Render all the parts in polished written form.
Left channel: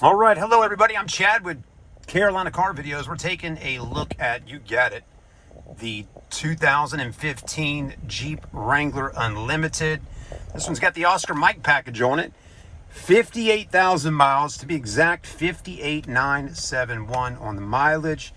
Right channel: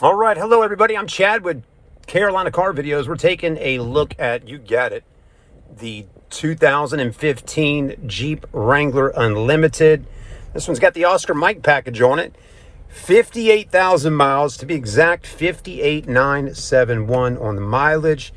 All right, hello everybody. I'm Chad with Carolina Car Videos. We're taking a look at, you got it, the 2015 Jeep Wrangler Unlimited. This one's got the Oscar Mike package on it. 58,000 miles, to be exact, 58,971 on the mileage.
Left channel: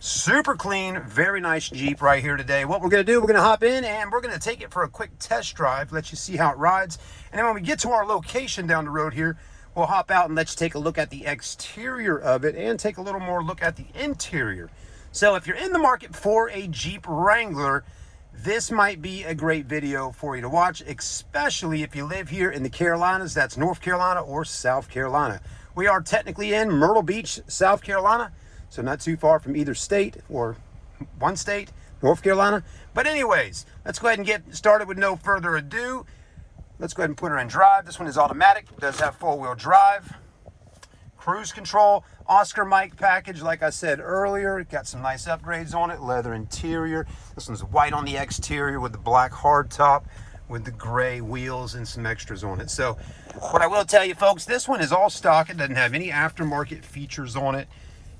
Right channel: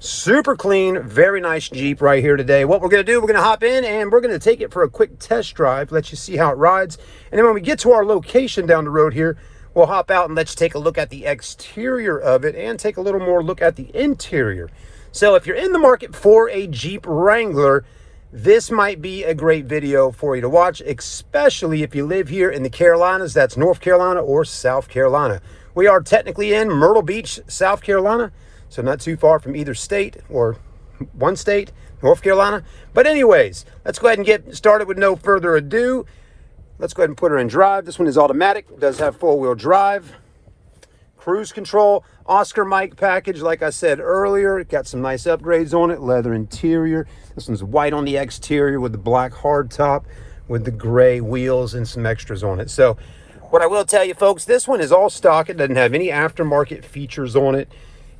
Super clean, very nice Jeep right here today. What we're going to do, we're going to hop in and we're going to take it for a quick test drive, let you see how it rides. And then when we get to our location down the road here, we'll hop out and let you take a look at the exterior of it and take a little more look at the interior. So if you're in the market for a Jeep Wrangler, this might be a great video for you to watch, especially if you live here in the Carolinas. That's North Carolina or South Carolina. We are technically in Myrtle Beach, South Carolina, so not too far from either state or one state, North Carolina. But anyways, let's go ahead and get started with no further ado. Let's go ahead and put her in drive. This one is automatic. It does have four-wheel drive, cruise control, Oscar Mike package. Like I said earlier, it got some nice upgrades on it. Leather interior. This one's white on the exterior with the black hardtop with the gray wheels and some extras on it. So what I will tell you, folks, this one is all stock. It doesn't have any aftermarket features on it.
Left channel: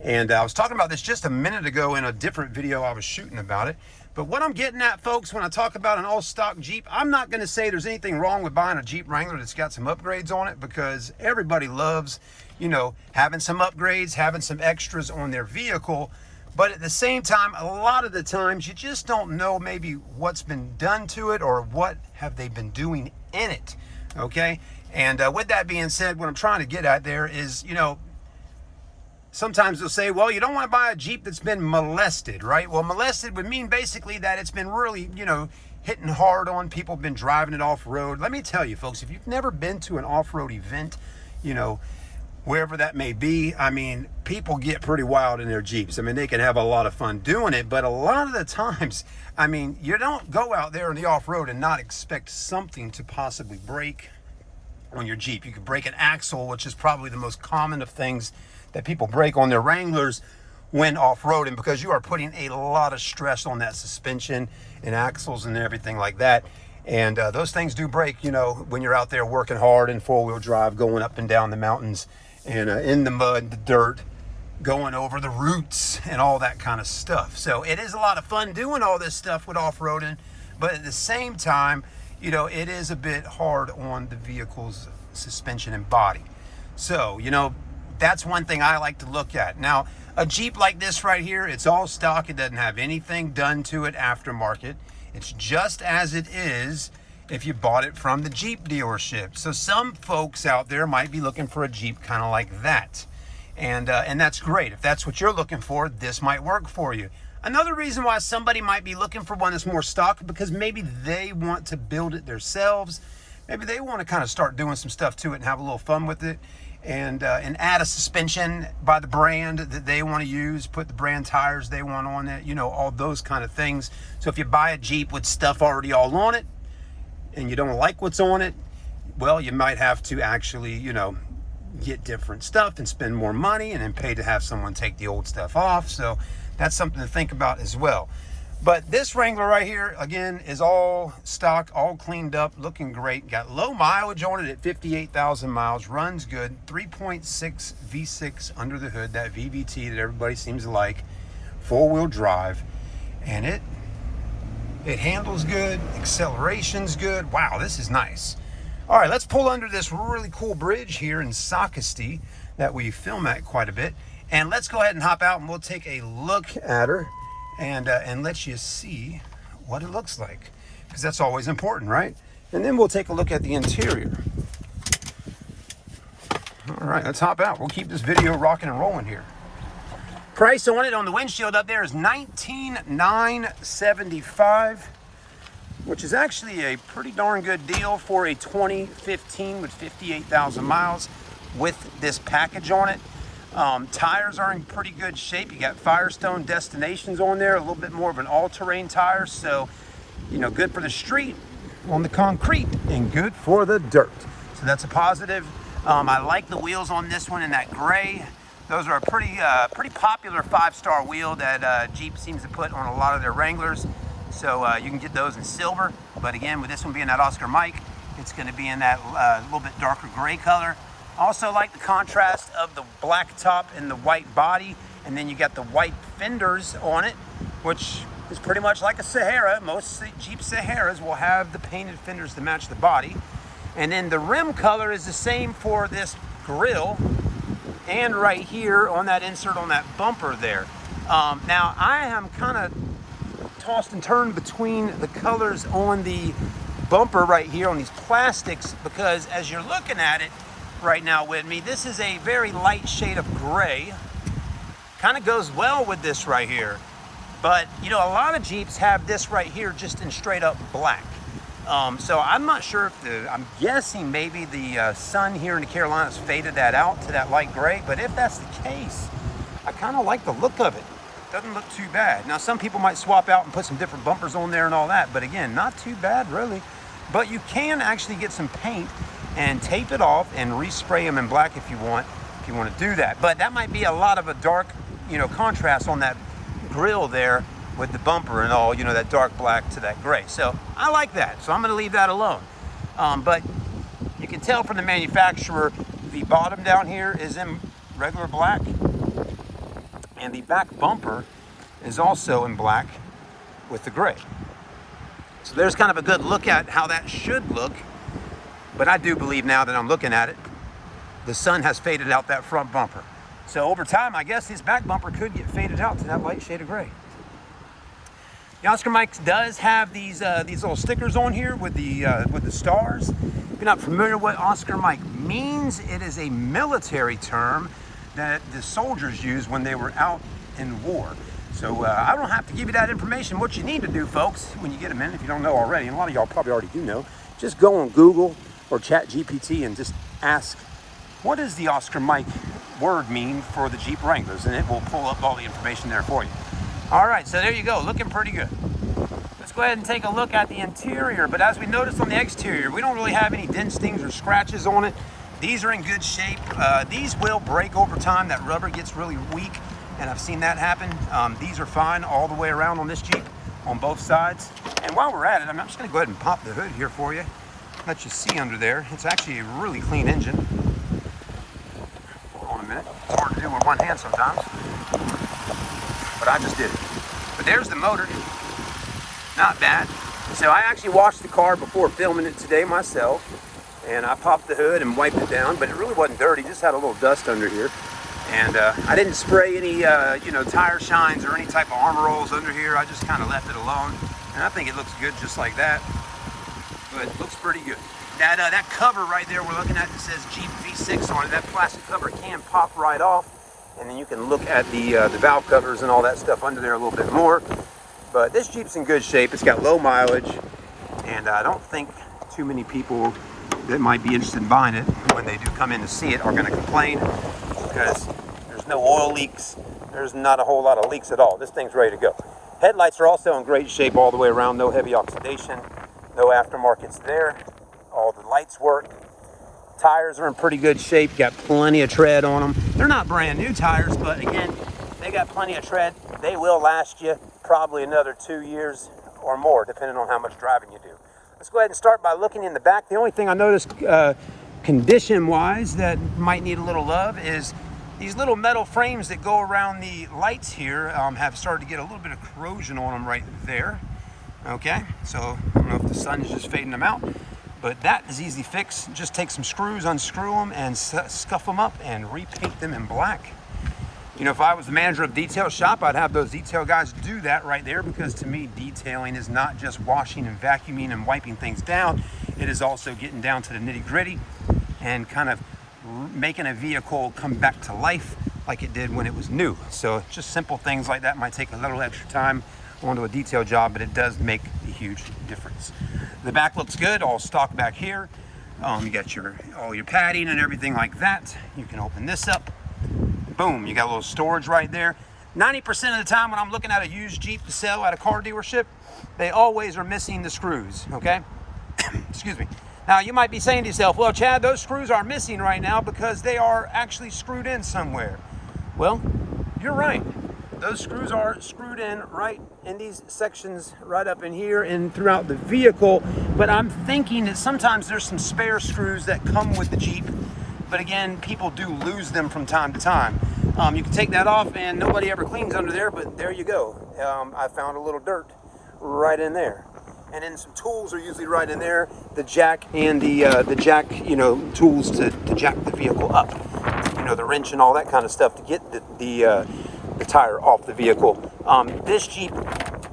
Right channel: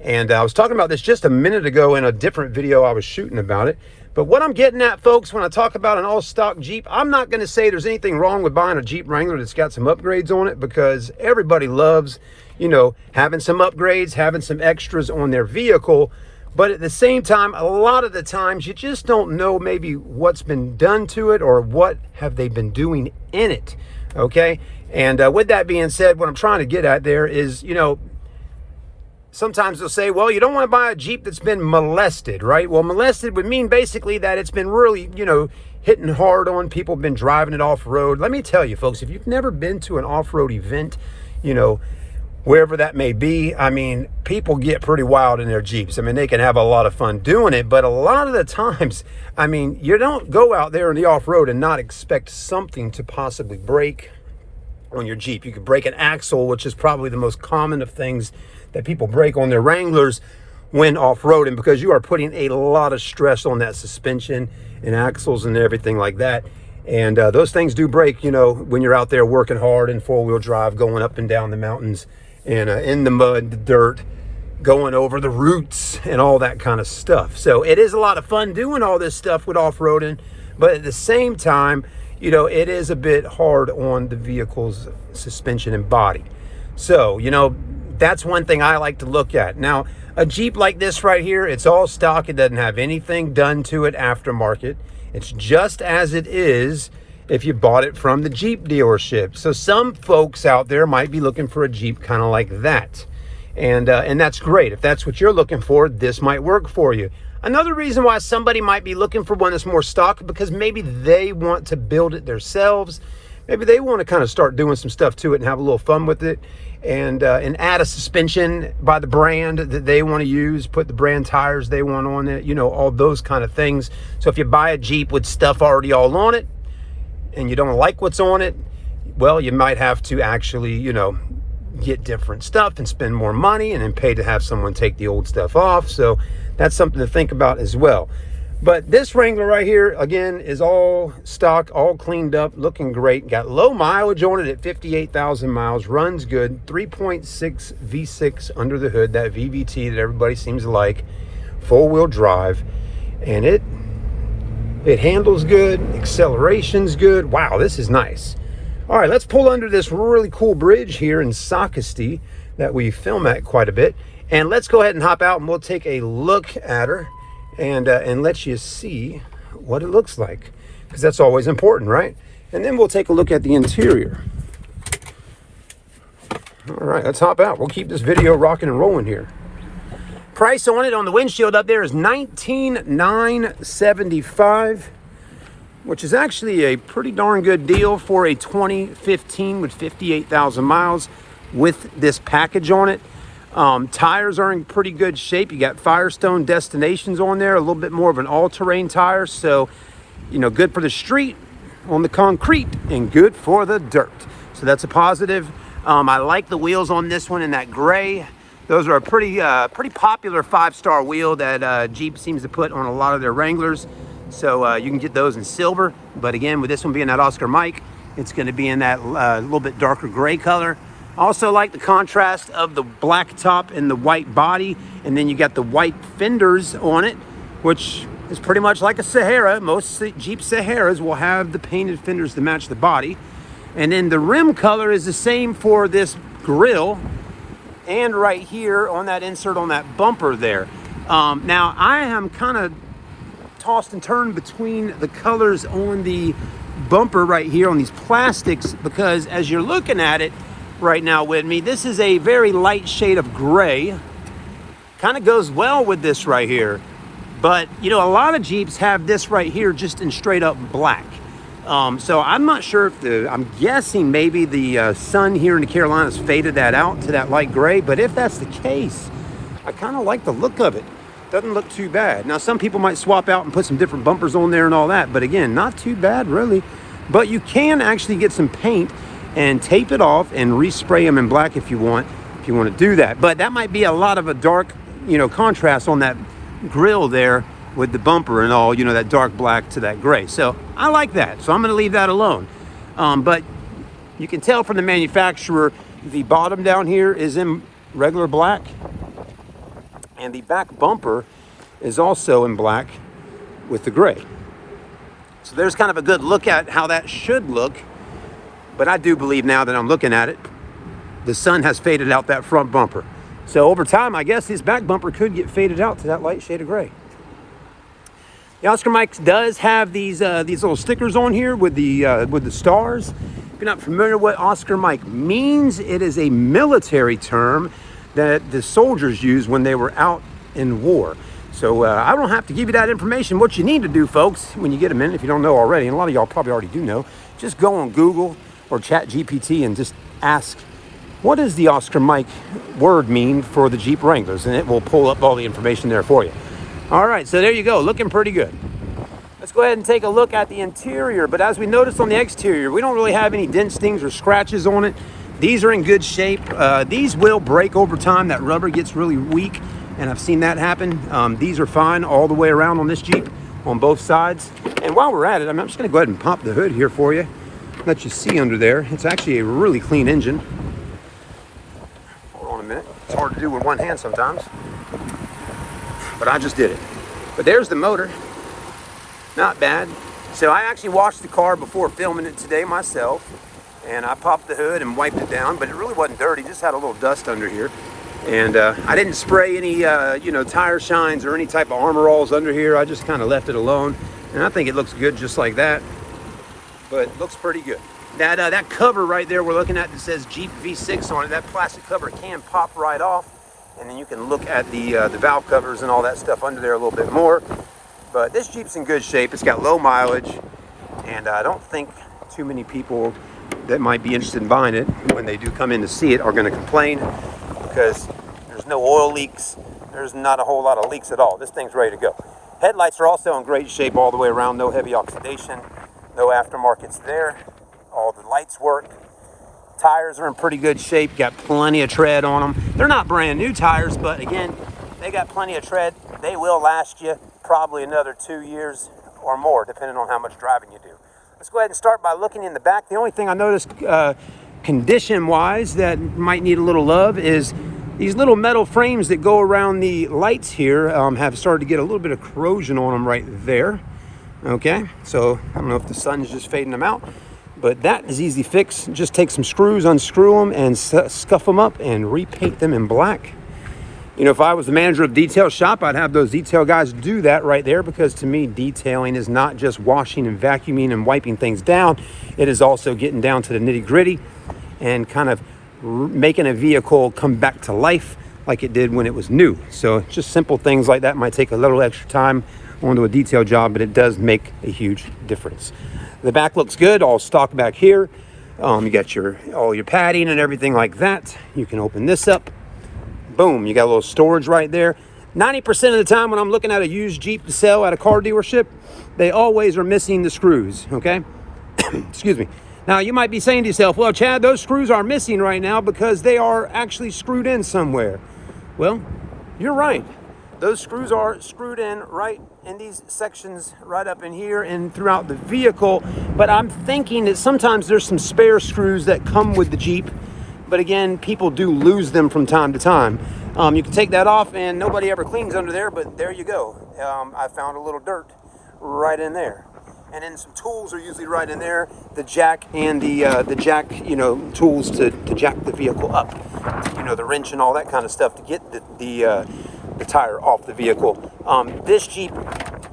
And I was talking about this just a minute ago in a different video I was shooting about it. But what I'm getting at, folks, when I talk about an all-stock Jeep, I'm not going to say there's anything wrong with buying a Jeep Wrangler that's got some upgrades on it, because everybody loves, you know, having some upgrades, having some extras on their vehicle. But at the same time, a lot of the times you just don't know maybe what's been done to it or what have they been doing in it, okay? And with that being said, what I'm trying to get at there is, you know, sometimes they'll say, well, you don't want to buy a Jeep that's been molested, right? Well, molested would mean basically that it's been really, you know, hitting hard on people, been driving it off-road. Let me tell you, folks, if you've never been to an off-road event, you know, wherever that may be, I mean, people get pretty wild in their Jeeps. I mean, they can have a lot of fun doing it, but a lot of the times, I mean, you don't go out there in the off-road and not expect something to possibly break on your Jeep. You could break an axle, which is probably the most common of things that people break on their Wranglers when off-roading, because you are putting a lot of stress on that suspension and axles and everything like that. And those things do break, you know, when you're out there working hard in four-wheel drive, going up and down the mountains and in the mud, the dirt, going over the roots and all that kind of stuff. So it is a lot of fun doing all this stuff with off-roading, but at the same time, you know, it is a bit hard on the vehicle's suspension and body. So, you know, that's one thing I like to look at. Now, a Jeep like this right here, it's all stock. It doesn't have anything done to it aftermarket. It's just as it is if you bought it from the Jeep dealership. So some folks out there might be looking for a Jeep kind of like that. And that's great. If that's what you're looking for, this might work for you. Another reason why somebody might be looking for one that's more stock, because maybe they want to build it themselves. Maybe they want to kind of start doing some stuff to it and have a little fun with it, and add a suspension by the brand that they want to use, put the brand tires they want on it, you know, all those kind of things. So if you buy a Jeep with stuff already all on it and you don't like what's on it, well, you might have to actually, you know, get different stuff and spend more money and then pay to have someone take the old stuff off. So that's something to think about as well. But this Wrangler right here, again, is all stock, all cleaned up, looking great. Got low mileage on it at 58,000 miles, runs good, 3.6 V6 under the hood, that VVT that everybody seems to like, four-wheel drive, and it handles good, acceleration's good. Wow, this is nice. All right, let's pull under this really cool bridge here in Socastee that we film at quite a bit, and let's go ahead and hop out and we'll take a look at her and let you see what it looks like, because that's always important, right? And then we'll take a look at the interior. All right, let's hop out. We'll keep this video rocking and rolling here. Price on it on the windshield up there is $19,975, which is actually a pretty darn good deal for a 2015 with 58,000 miles with this package on it. Tires are in pretty good shape. You got Firestone Destinations on there, a little bit more of an all-terrain tire. So, you know, good for the street on the concrete and good for the dirt. So that's a positive. I like the wheels on this one in that gray. Those are a pretty popular 5-star wheel that Jeep seems to put on a lot of their Wranglers. So you can get those in silver. But again, with this one being that Oscar Mike, it's going to be in that little bit darker gray color. I also like the contrast of the black top and the white body, and then you got the white fenders on it, which is pretty much like a Sahara. Most Jeep Saharas will have the painted fenders to match the body. And then the rim color is the same for this grille and right here on that insert on that bumper there. Now I am kind of tossed and turned between the colors on the bumper right here on these plastics, because as you're looking at it right now with me, this is a very light shade of gray. Kind of goes well with this right here. But you know, a lot of Jeeps have this right here just in straight up black. So I'm not sure if I'm guessing maybe the sun here in the Carolinas faded that out to that light gray. But if that's the case, I kind of like the look of it. Doesn't look too bad. Now, some people might swap out and put some different bumpers on there and all that, but again, not too bad really. But you can actually get some paint and tape it off and respray them in black if you want to do that. But that might be a lot of a dark, you know, contrast on that grill there with the bumper and all, you know, that dark black to that gray. So I like that, so I'm going to leave that alone. But you can tell from the manufacturer, the bottom down here is in regular black, and the back bumper is also in black with the gray. So there's kind of a good look at how that should look. But I do believe now that I'm looking at it, the sun has faded out that front bumper. So over time, I guess this back bumper could get faded out to that light shade of gray. The Oscar Mike does have these little stickers on here with the stars. If you're not familiar with what Oscar Mike means, it is a military term that the soldiers used when they were out in war. So I don't have to give you that information. What you need to do, folks, when you get a minute, if you don't know already, and a lot of y'all probably already do know, just go on Google or ChatGPT and just ask, what does the Oscar Mike word mean for the Jeep Wranglers? And it will pull up all the information there for you. All right, so there you go, looking pretty good. Let's go ahead and take a look at the interior. But as we noticed on the exterior, we don't really have any dents, stings, or scratches on it. These are in good shape. These will break over time. That rubber gets really weak, and I've seen that happen. These are fine all the way around on this Jeep, on both sides. And while we're at it, I'm just gonna go ahead and pop the hood here for you, let you see under there. It's actually a really clean engine. Hold on a minute. It's hard to do with one hand sometimes, but I just did it. But there's the motor. Not bad. So I actually washed the car before filming it today myself, and I popped the hood and wiped it down, but it really wasn't dirty, just had a little dust under here. And I didn't spray any you know, tire shines or any type of armor alls under here. I just kind of left it alone, and I think it looks good just like that. But it looks pretty good. That cover right there we're looking at that says Jeep V6 on it, that plastic cover can pop right off, and then you can look at the valve covers and all that stuff under there a little bit more. But this Jeep's in good shape. It's got low mileage, and I don't think too many people that might be interested in buying it, when they do come in to see it, are going to complain, because there's no oil leaks. There's not a whole lot of leaks at all. This thing's ready to go. Headlights are also in great shape all the way around. No heavy oxidation, no aftermarkets there. All the lights work. Tires are in pretty good shape. Got plenty of tread on them. They're not brand new tires, but again, they got plenty of tread. They will last you probably another 2 years or more, depending on how much driving you do. Let's go ahead and start by looking in the back. The only thing I noticed condition-wise that might need a little love is these little metal frames that go around the lights here have started to get a little bit of corrosion on them right there. Okay, so I don't know if the sun is just fading them out, but that is easy fix. Just take some screws, unscrew them, and scuff them up and repaint them in black. You know, if I was the manager of a detail shop, I'd have those detail guys do that right there, because to me, detailing is not just washing and vacuuming and wiping things down. It is also getting down to the nitty gritty and kind of making a vehicle come back to life like it did when it was new. So just simple things like that might take a little extra time onto a detail job, but it does make a huge difference. The back looks good, all stock back here. You got all your padding and everything like that. You can open this up. Boom, you got a little storage right there. 90% of the time when I'm looking at a used Jeep to sell at a car dealership, they always are missing the screws, okay? Excuse me. Now, you might be saying to yourself, well, Chad, those screws are missing right now because they are actually screwed in somewhere. Well, you're right. Those screws are screwed in right in these sections right up in here and throughout the vehicle. But I'm thinking that sometimes there's some spare screws that come with the Jeep but again, people do lose them from time to time. You can take that off and nobody ever cleans under there, but there you go. I found a little dirt right in there. And then some tools are usually right in there. The jack and the jack, tools to jack the vehicle up. The wrench and all that kind of stuff to get the tire off the vehicle. This Jeep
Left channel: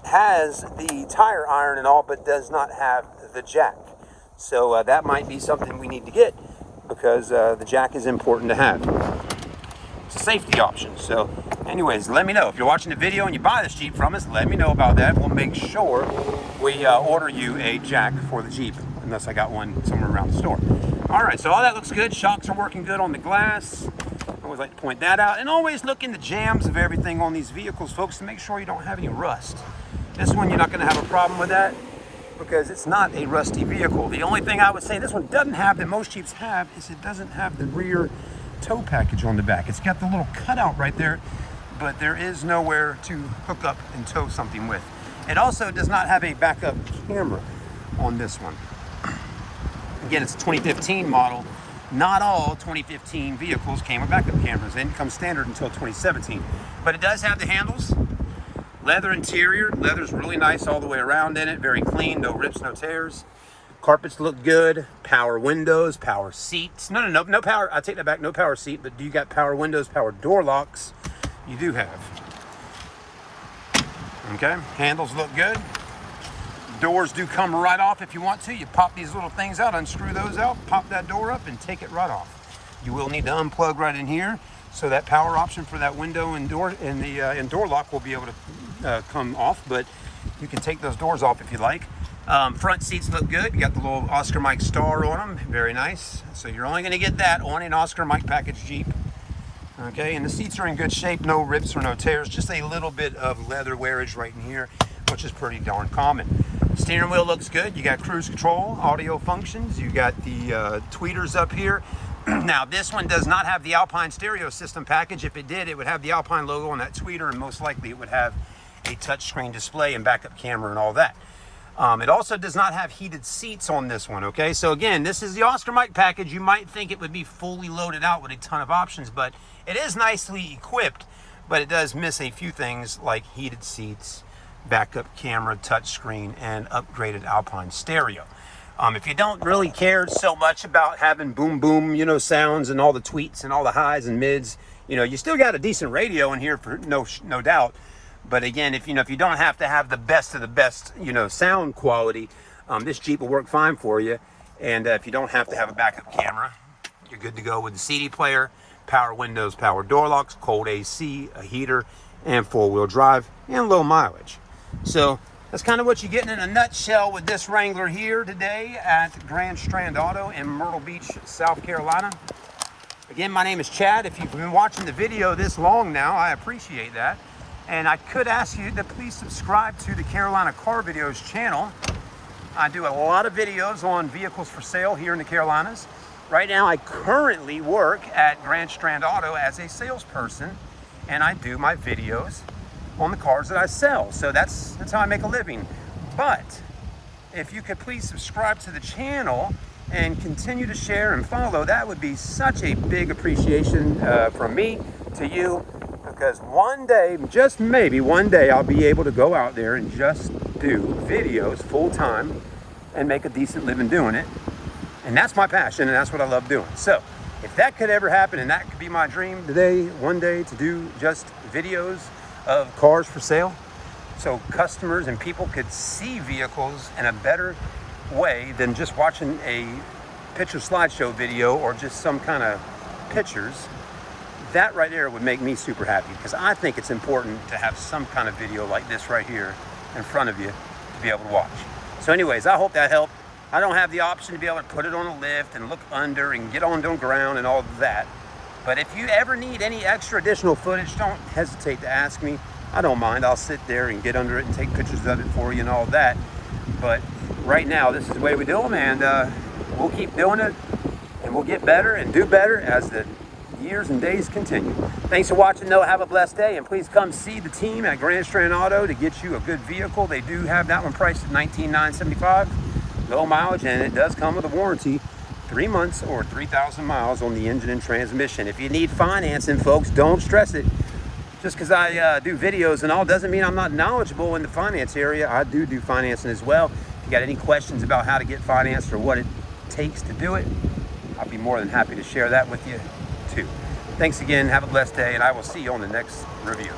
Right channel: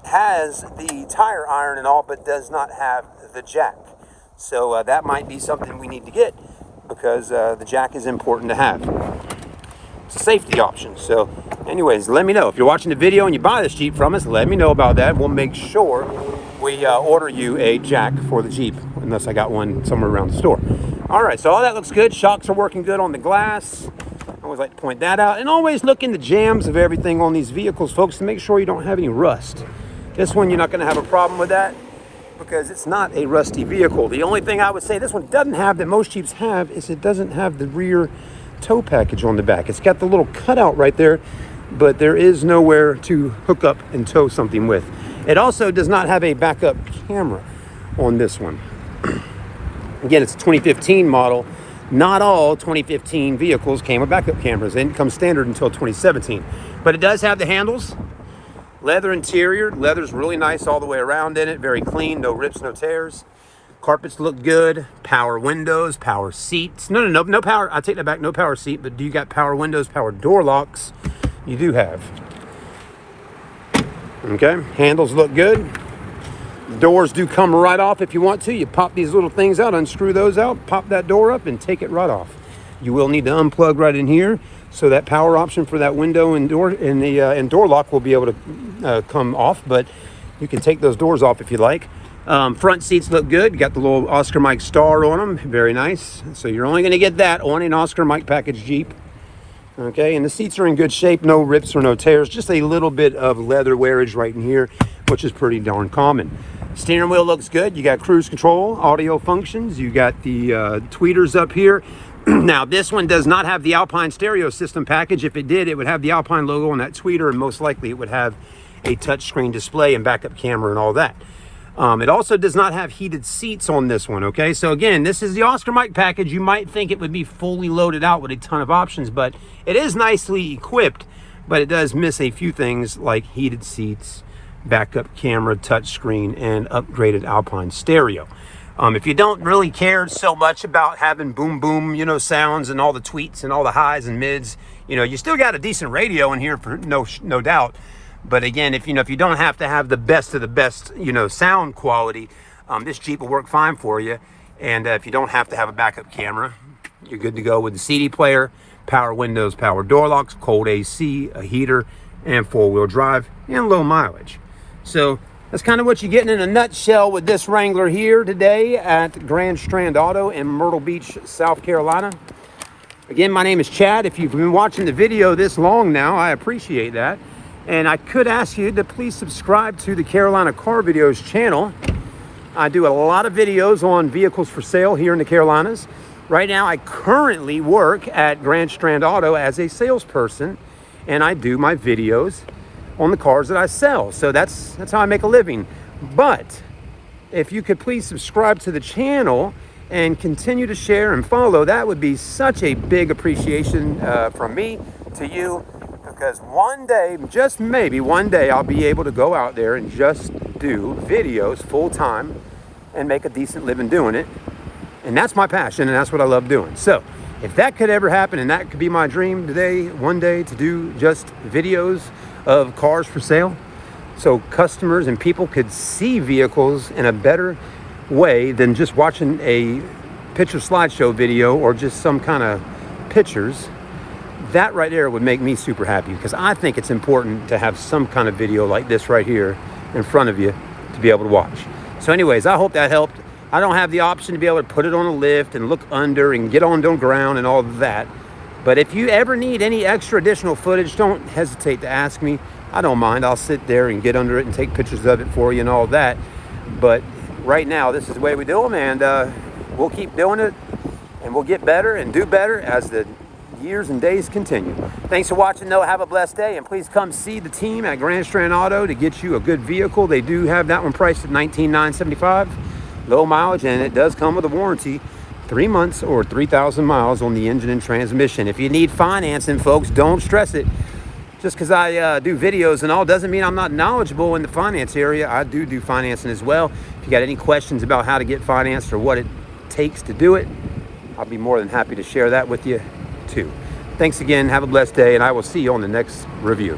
has the tire iron and all, but does not have the jack. So that might be something we need to get, because the jack is important to have. It's a safety option. So anyways, let me know. If you're watching the video and you buy this Jeep from us, let me know about that. We'll make sure we order you a jack for the Jeep, unless I got one somewhere around the store. All right, so all that looks good. Shocks are working good on the glass. I always like to point that out. And always look in the jams of everything on these vehicles, folks, to make sure you don't have any rust. This one, you're not going to have a problem with that, because it's not a rusty vehicle. The only thing I would say this one doesn't have that most Jeeps have is it doesn't have the rear tow package on the back. It's got the little cutout right there, but there is nowhere to hook up and tow something with. It also does not have a backup camera on this one. Again, it's a 2015 model. Not all 2015 vehicles came with backup cameras. They didn't come standard until 2017. But it does have the handles. Leather interior. Leather's really nice all the way around in it. Very clean, no rips, no tears. Carpets look good. Power windows, power seats. No power. I take that back. No power seat, but do you got power windows, power door locks? You do have. Okay, handles look good. Doors do come right off if you want to. You pop these little things out, unscrew those out, pop that door up, and take it right off. You will need to unplug right in here, so that power option for that window and door and door lock will be able to come off, but you can take those doors off if you like. Front seats look good. You got the little Oscar Mike star on them. Very nice. So you're only going to get that on an Oscar Mike package Jeep. Okay, and the seats are in good shape. No rips or no tears. Just a little bit of leather wearage right in here, which is pretty darn common. Steering wheel looks good. You got cruise control, audio functions. You got the tweeters up here. Now, this one does not have the Alpine stereo system package. If it did, it would have the Alpine logo on that tweeter, and most likely it would have a touchscreen display and backup camera and all that. It also does not have heated seats on this one, okay? So again, this is the Oscar Mike package. You might think it would be fully loaded out with a ton of options, but it is nicely equipped, but it does miss a few things like heated seats, backup camera, touchscreen, and upgraded Alpine stereo. If you don't really care so much about having boom boom, sounds and all the tweets and all the highs and mids, you still got a decent radio in here for no doubt. But again, if you don't have to have the best of the best, sound quality, this Jeep will work fine for you. And if you don't have to have a backup camera, you're good to go with the CD player, power windows, power door locks, cold AC, a heater, and four-wheel drive, and low mileage. So that's kind of what you're getting in a nutshell with this Wrangler here today at Grand Strand Auto in Myrtle Beach, South Carolina. Again, my name is Chad. If you've been watching the video this long now, I appreciate that. And I could ask you to please subscribe to the Carolina Car Videos channel. I do a lot of videos on vehicles for sale here in the Carolinas. Right now, I currently work at Grand Strand Auto as a salesperson, and I do my videos on the cars that I sell. So that's how I make a living. But if you could please subscribe to the channel and continue to share and follow, that would be such a big appreciation from me to you. Because one day, just maybe one day, I'll be able to go out there and just do videos full time and make a decent living doing it. And that's my passion, and that's what I love doing. So if that could ever happen, and that could be my dream today, one day, to do just videos of cars for sale, so customers and people could see vehicles in a better way than just watching a picture slideshow video or just some kind of pictures. That right there would make me super happy, because I think it's important to have some kind of video like this right here in front of you to be able to watch. So anyways, I hope that helped. I don't have the option to be able to put it on a lift and look under and get on the ground and all of that. But if you ever need any extra additional footage, don't hesitate to ask me. I don't mind. I'll sit there and get under it and take pictures of it for you and all that. But right now, this is the way we do them, and we'll keep doing it, and we'll get better and do better as the years and days continue. Thanks for watching, though. Have a blessed day, and please come see the team at Grand Strand Auto to get you a good vehicle. They do have that one priced at $19,975, low mileage, and it does come with a warranty 3 months or 3,000 miles on the engine and transmission. If you need financing, folks, don't stress it. Just because I do videos and all doesn't mean I'm not knowledgeable in the finance area. I do financing as well. If you got any questions about how to get financed or what it takes to do it, I'll be more than happy to share that with you too. Thanks again. Have a blessed day, and I will see you on the next review.